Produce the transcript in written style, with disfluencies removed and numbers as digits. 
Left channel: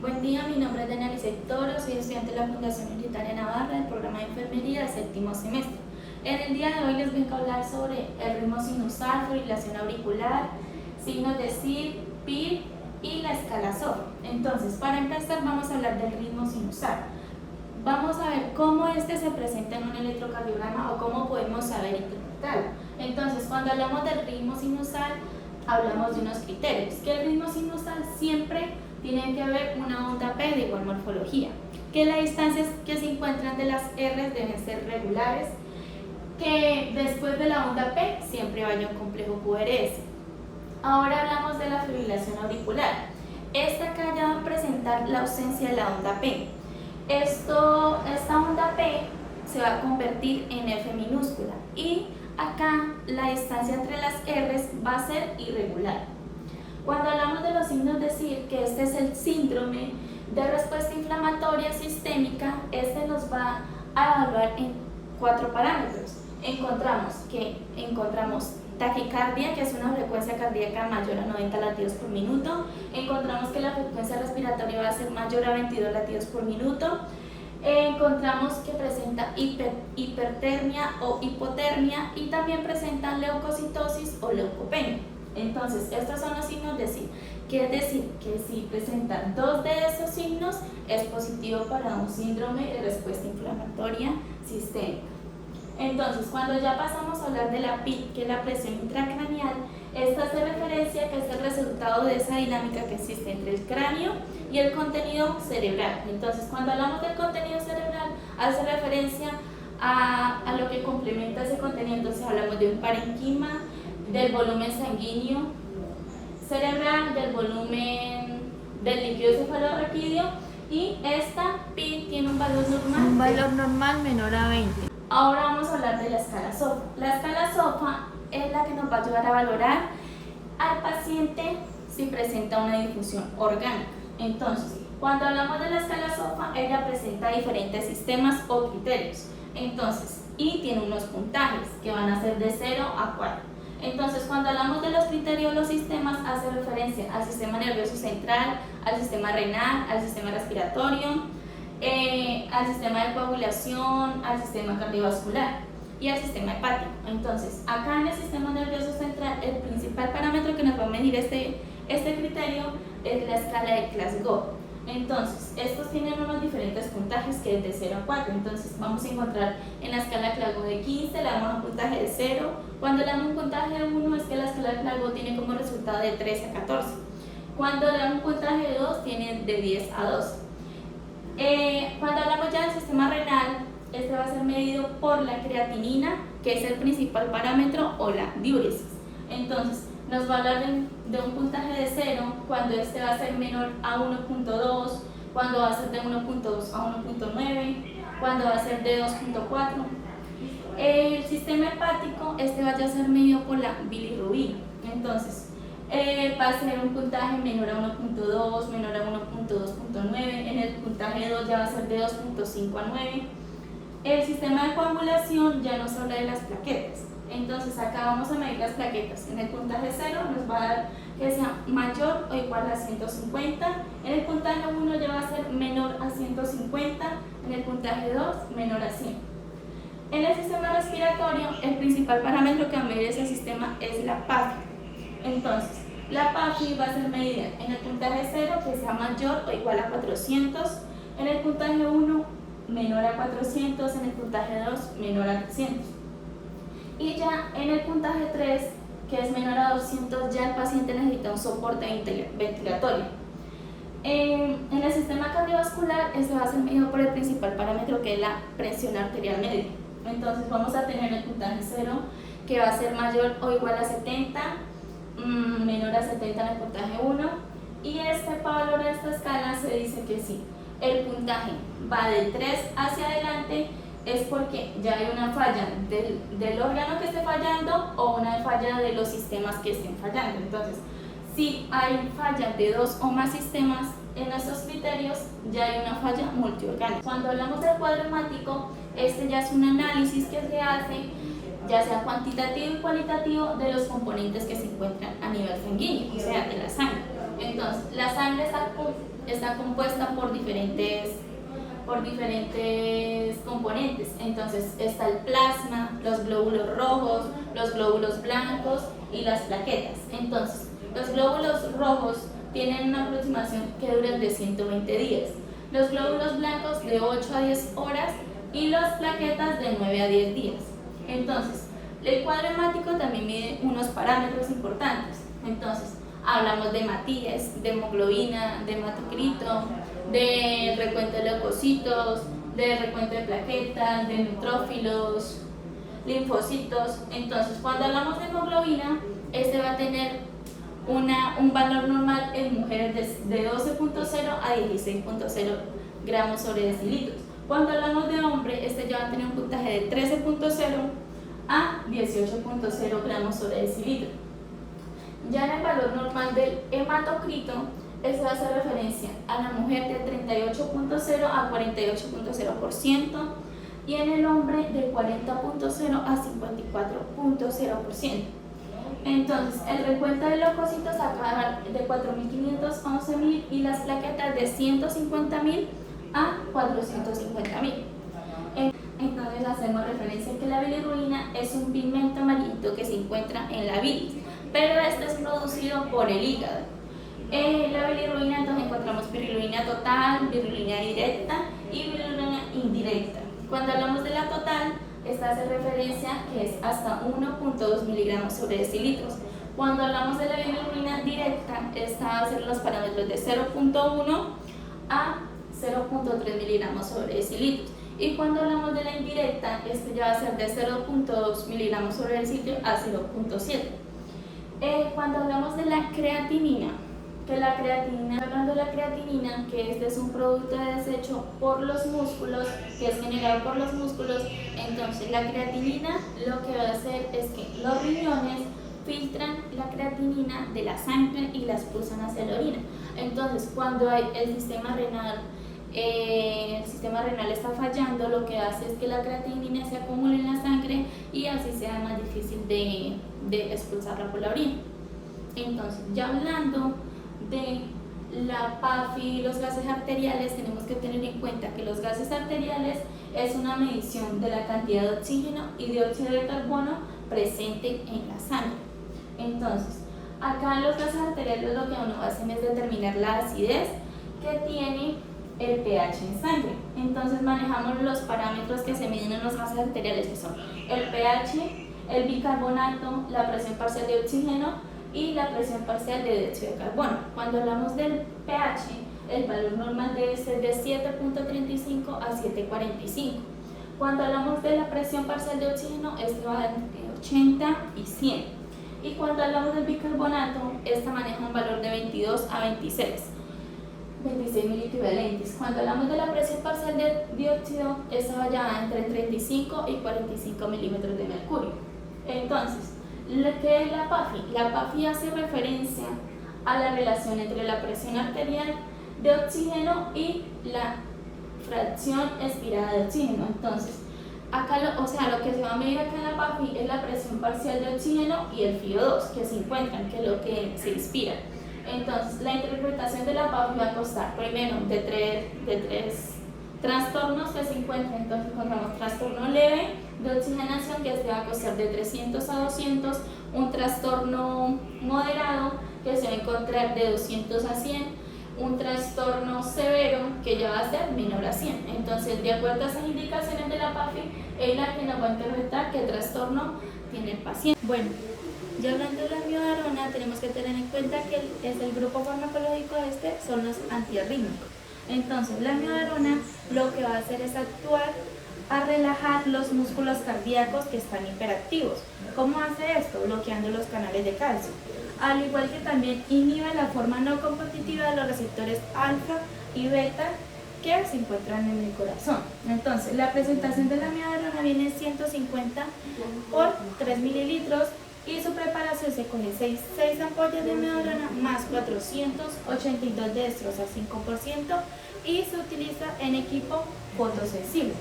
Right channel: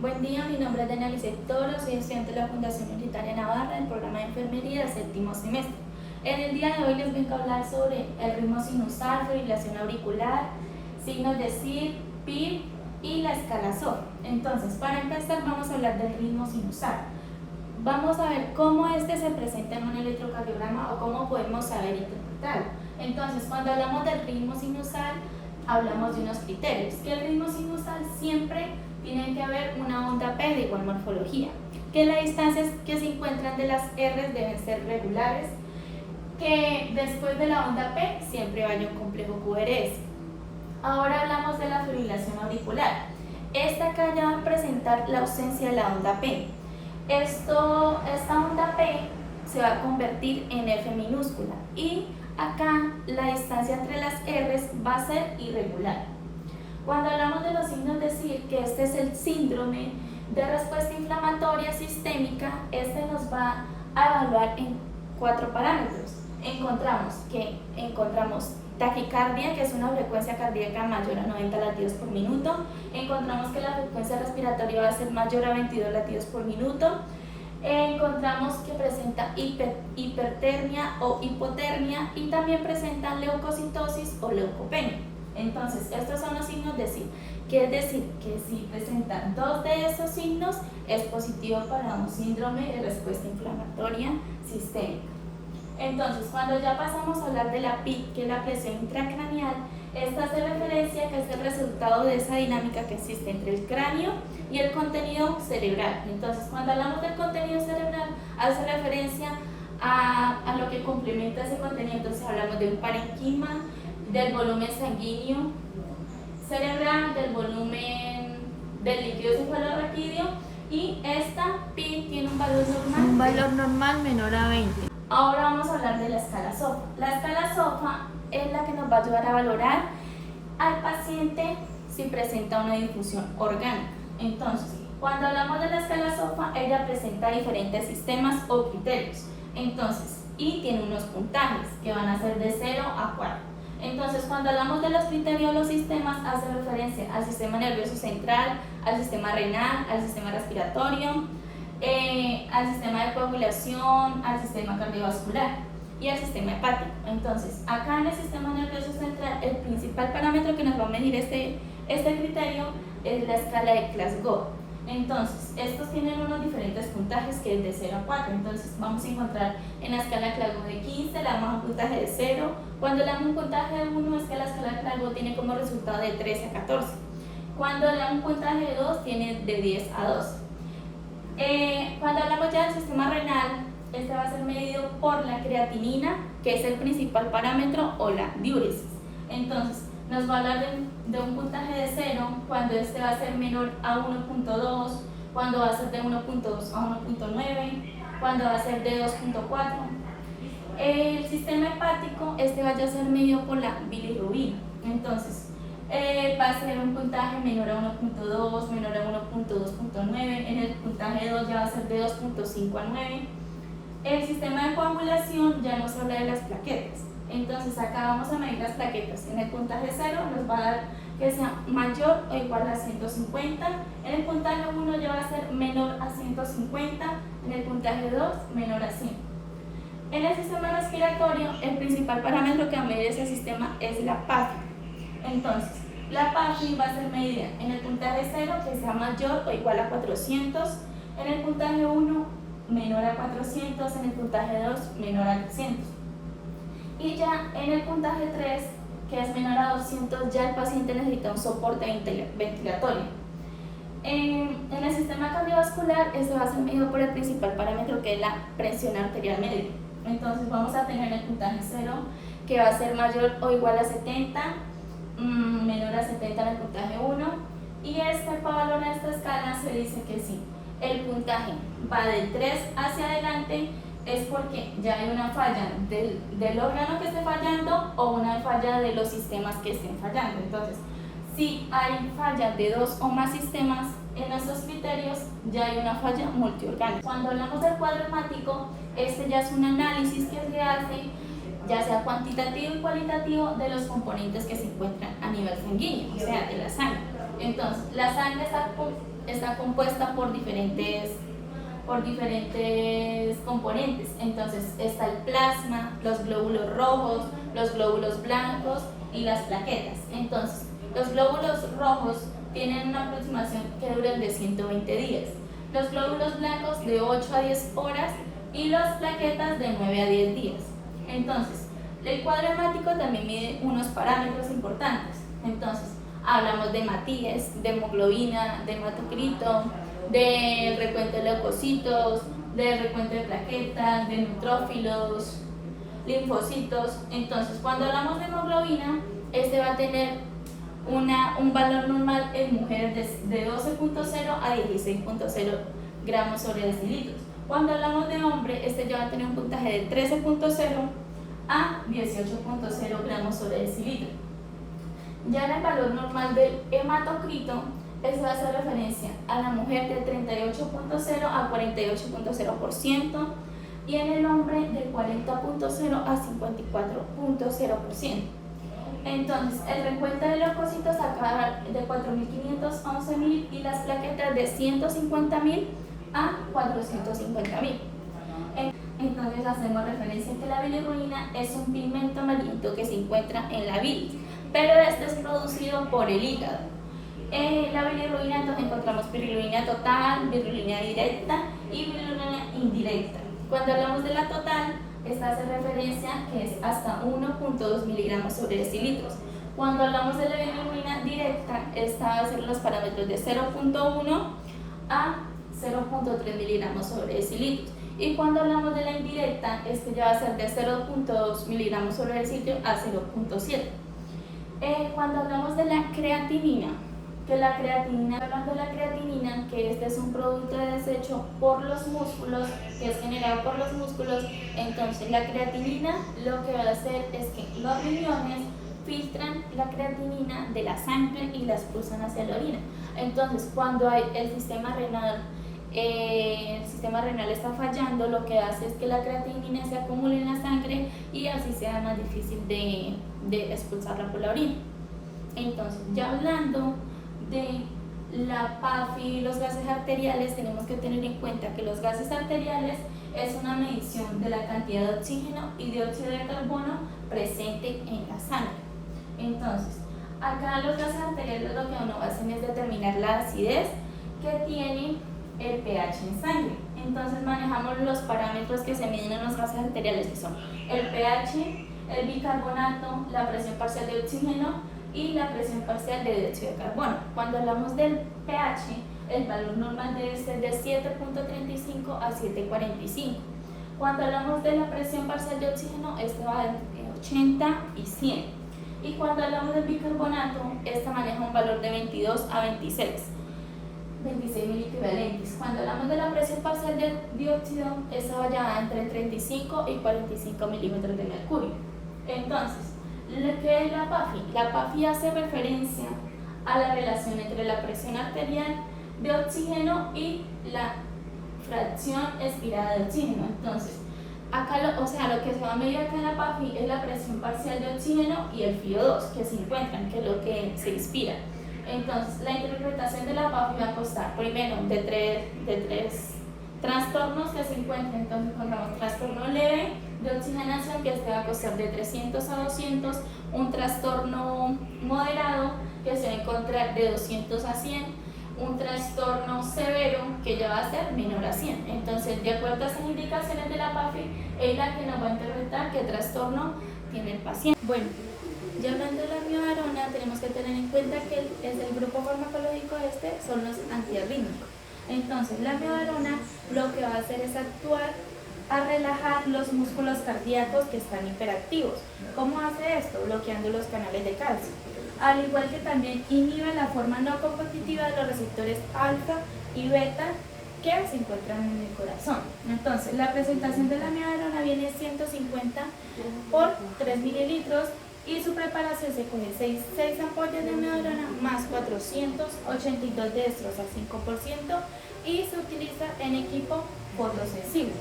Buen día, mi nombre es Daniela Toro, soy estudiante de la Fundación Universitaria Navarra del programa de enfermería del séptimo semestre. En el día de hoy les vengo a hablar sobre el ritmo sinusal, fibrilación auricular, signos de SIR, PIR y la escala SOF. Entonces, para empezar vamos a hablar del ritmo sinusal. Vamos a ver cómo este se presenta en un electrocardiograma o cómo podemos saber interpretarlo. Entonces, cuando hablamos del ritmo sinusal, hablamos de unos criterios, que el ritmo sinusal siempre tiene que haber una onda P de igual morfología, que las distancias que se encuentran de las R deben ser regulares, que después de la onda P siempre vaya un complejo QRS. Ahora hablamos de la fibrilación auricular. Esta acá ya va a presentar la ausencia de la onda P. Esta onda P se va a convertir en F minúscula y acá la distancia entre las R's va a ser irregular. Cuando hablamos de los signos de SIR, que este es el síndrome de respuesta inflamatoria sistémica, este nos va a evaluar en 4 parámetros. Encontramos taquicardia, que es una frecuencia cardíaca mayor a 90 latidos por minuto. Encontramos que la frecuencia respiratoria va a ser mayor a 22 latidos por minuto. Encontramos que presenta hipertermia o hipotermia y también presenta leucocitosis o leucopenia. Entonces, estos son los signos de SIR, que es decir, que si presentan 2 de esos signos, es positivo para un síndrome de respuesta inflamatoria sistémica. Entonces, cuando ya pasamos a hablar de la PIC, que es la presión intracraneal, esta hace referencia que es el resultado de esa dinámica que existe entre el cráneo y el contenido cerebral. Entonces, cuando hablamos del contenido cerebral, hace referencia a lo que complementa ese contenido. Entonces, hablamos de un parenquima, del volumen sanguíneo cerebral, del volumen del líquido cefalorraquídeo, y esta pi tiene un valor normal menor a 20. Ahora vamos a hablar de la escala SOFA. La escala SOFA es la que nos va a ayudar a valorar al paciente si presenta una difusión orgánica. Entonces, cuando hablamos de la escala SOFA, ella presenta diferentes sistemas o criterios. Entonces, y tiene unos puntajes que van a ser de 0 a 4. Entonces, cuando hablamos de los criterios, los sistemas hace referencia al sistema nervioso central, al sistema renal, al sistema respiratorio, al sistema de coagulación, al sistema cardiovascular y al sistema hepático. Entonces, acá en el sistema nervioso central, el principal parámetro que nos va a medir este criterio es la escala de Glasgow. Entonces, estos tienen unos diferentes puntajes que es de 0 a 4. Entonces, vamos a encontrar en la escala de Glasgow de 15, le damos un puntaje de 0. Cuando le damos un puntaje de 1, es que la escala de Glasgow tiene como resultado de 13 a 14. Cuando le damos un puntaje de 2, tiene de 10 a 12. Cuando hablamos ya del sistema renal, este va a ser medido por la creatinina, que es el principal parámetro, o la diuresis. Entonces, nos va a hablar de un puntaje de 0 cuando este va a ser menor a 1.2, cuando va a ser de 1.2 a 1.9, cuando va a ser de 2.4. El sistema hepático, este va a ser medido por la bilirrubina. Entonces, va a ser un puntaje menor a 1.2, menor a 1.2.9, en el puntaje 2 ya va a ser de 2.5 a 9. El sistema de coagulación ya nos habla de las plaquetas. Entonces acá vamos a medir las plaquetas. En el puntaje 0 nos va a dar que sea mayor o igual a 150. En el puntaje 1 ya va a ser menor a 150. En el puntaje 2 menor a 100. En el sistema respiratorio, el principal parámetro que va a medir ese sistema es la PAFI. Entonces, la PAFI va a ser medida en el puntaje 0 que sea mayor o igual a 400. En el puntaje 1 menor a 400. En el puntaje 2 menor a 300. Y ya en el puntaje 3, que es menor a 200, ya el paciente necesita un soporte ventilatorio. En el sistema cardiovascular, este va a ser medido por el principal parámetro, que es la presión arterial media. Entonces vamos a tener el puntaje 0, que va a ser mayor o igual a 70, menor a 70 en el puntaje 1. Y para valorar esta escala se dice que si el puntaje va de 3 hacia adelante, es porque ya hay una falla del órgano que esté fallando o una falla de los sistemas que estén fallando. Entonces, si hay falla de 2 o más sistemas en esos criterios, ya hay una falla multiorgánica. Cuando hablamos del cuadro hemático, este ya es un análisis que se hace, ya sea cuantitativo y cualitativo, de los componentes que se encuentran a nivel sanguíneo, o sea, de la sangre. Entonces, la sangre está está compuesta por diferentes componentes. Entonces está el plasma, los glóbulos rojos, los glóbulos blancos y las plaquetas. Entonces, los glóbulos rojos tienen una aproximación que duran de 120 días, los glóbulos blancos de 8 a 10 horas y las plaquetas de 9 a 10 días. Entonces, el cuadro hemático también mide unos parámetros importantes. Entonces, hablamos de hemátides, de hemoglobina, de hematocrito, del recuento de leucocitos, del recuento de plaquetas, de neutrófilos, linfocitos. Entonces, cuando hablamos de hemoglobina, este va a tener un valor normal en mujeres de 12.0 a 16.0 gramos sobre decilitros. Cuando hablamos de hombre, este ya va a tener un puntaje de 13.0 a 18.0 gramos sobre decilitro. Ya en el valor normal del hematocrito, eso va a hacer referencia a la mujer de 38.0 a 48.0% y en el hombre de 40.0 a 54.0%. Entonces, el recuento de leucocitos acaba de 4.511.000 y las plaquetas de 150.000 a 450.000. Entonces, hacemos referencia a que la bilirrubina es un pigmento amarillento que se encuentra en la bilis, pero este es producido por el hígado. La bilirrubina, entonces encontramos bilirrubina total, bilirrubina directa y bilirrubina indirecta. Cuando hablamos de la total, esta hace referencia que es hasta 1.2 miligramos sobre decilitros. Cuando hablamos de la bilirrubina directa, esta va a ser los parámetros de 0.1 a 0.3 miligramos sobre decilitros. Y cuando hablamos de la indirecta, este ya va a ser de 0.2 miligramos sobre decilitro a 0.7. Cuando hablamos de la creatinina, hablando de la creatinina, que este es un producto de desecho por los músculos, que es generado por los músculos, entonces la creatinina lo que va a hacer es que los riñones filtran la creatinina de la sangre y la expulsan hacia la orina. Entonces, cuando el sistema renal está fallando, lo que hace es que la creatinina se acumule en la sangre y así sea más difícil de expulsarla por la orina. Entonces, ya hablando de la PAFI y los gases arteriales, tenemos que tener en cuenta que los gases arteriales es una medición de la cantidad de oxígeno y dióxido de carbono presente en la sangre. Entonces, acá los gases arteriales lo que uno hace es determinar la acidez que tiene el pH en sangre. Entonces manejamos los parámetros que se miden en los gases arteriales, que son el pH, el bicarbonato, la presión parcial de oxígeno y la presión parcial de dióxido de carbono. Cuando hablamos del pH, el valor normal debe ser de 7.35 a 7.45. Cuando hablamos de la presión parcial de oxígeno, este va entre 80 y 100. Y cuando hablamos del bicarbonato, este maneja un valor de 22 a 26 miliequivalentes. Cuando hablamos de la presión parcial de dióxido, esta va ya entre 35 y 45 milímetros de mercurio. Entonces, ¿qué es la PAFI? La PAFI hace referencia a la relación entre la presión arterial de oxígeno y la fracción expirada de oxígeno. Entonces, acá lo que se va a medir acá en la PAFI es la presión parcial de oxígeno y el FiO2 que se encuentran, que es lo que se inspira. Entonces, la interpretación de la PAFI va a constar primero de tres trastornos que se encuentran. Entonces, encontramos trastorno leve de oxigenación, que este va a costar de 300 a 200, un trastorno moderado que se va a encontrar de 200 a 100, un trastorno severo que ya va a ser menor a 100. Entonces, de acuerdo a esas indicaciones de la PAFI, es la que nos va a interpretar qué trastorno tiene el paciente. Bueno, ya hablando de la amiodarona, tenemos que tener en cuenta que es el grupo farmacológico son los antiarrítmicos. Entonces, la amiodarona lo que va a hacer es actuar a relajar los músculos cardíacos que están hiperactivos. ¿Cómo hace esto? Bloqueando los canales de calcio. Al igual que también inhibe la forma no competitiva de los receptores alfa y beta que se encuentran en el corazón. Entonces, la presentación de la amiodarona viene 150 por 3 mililitros y su preparación se coge 6 ampollas de amiodarona más 482 de dextrosa al 5% y se utiliza en equipo fotosensible.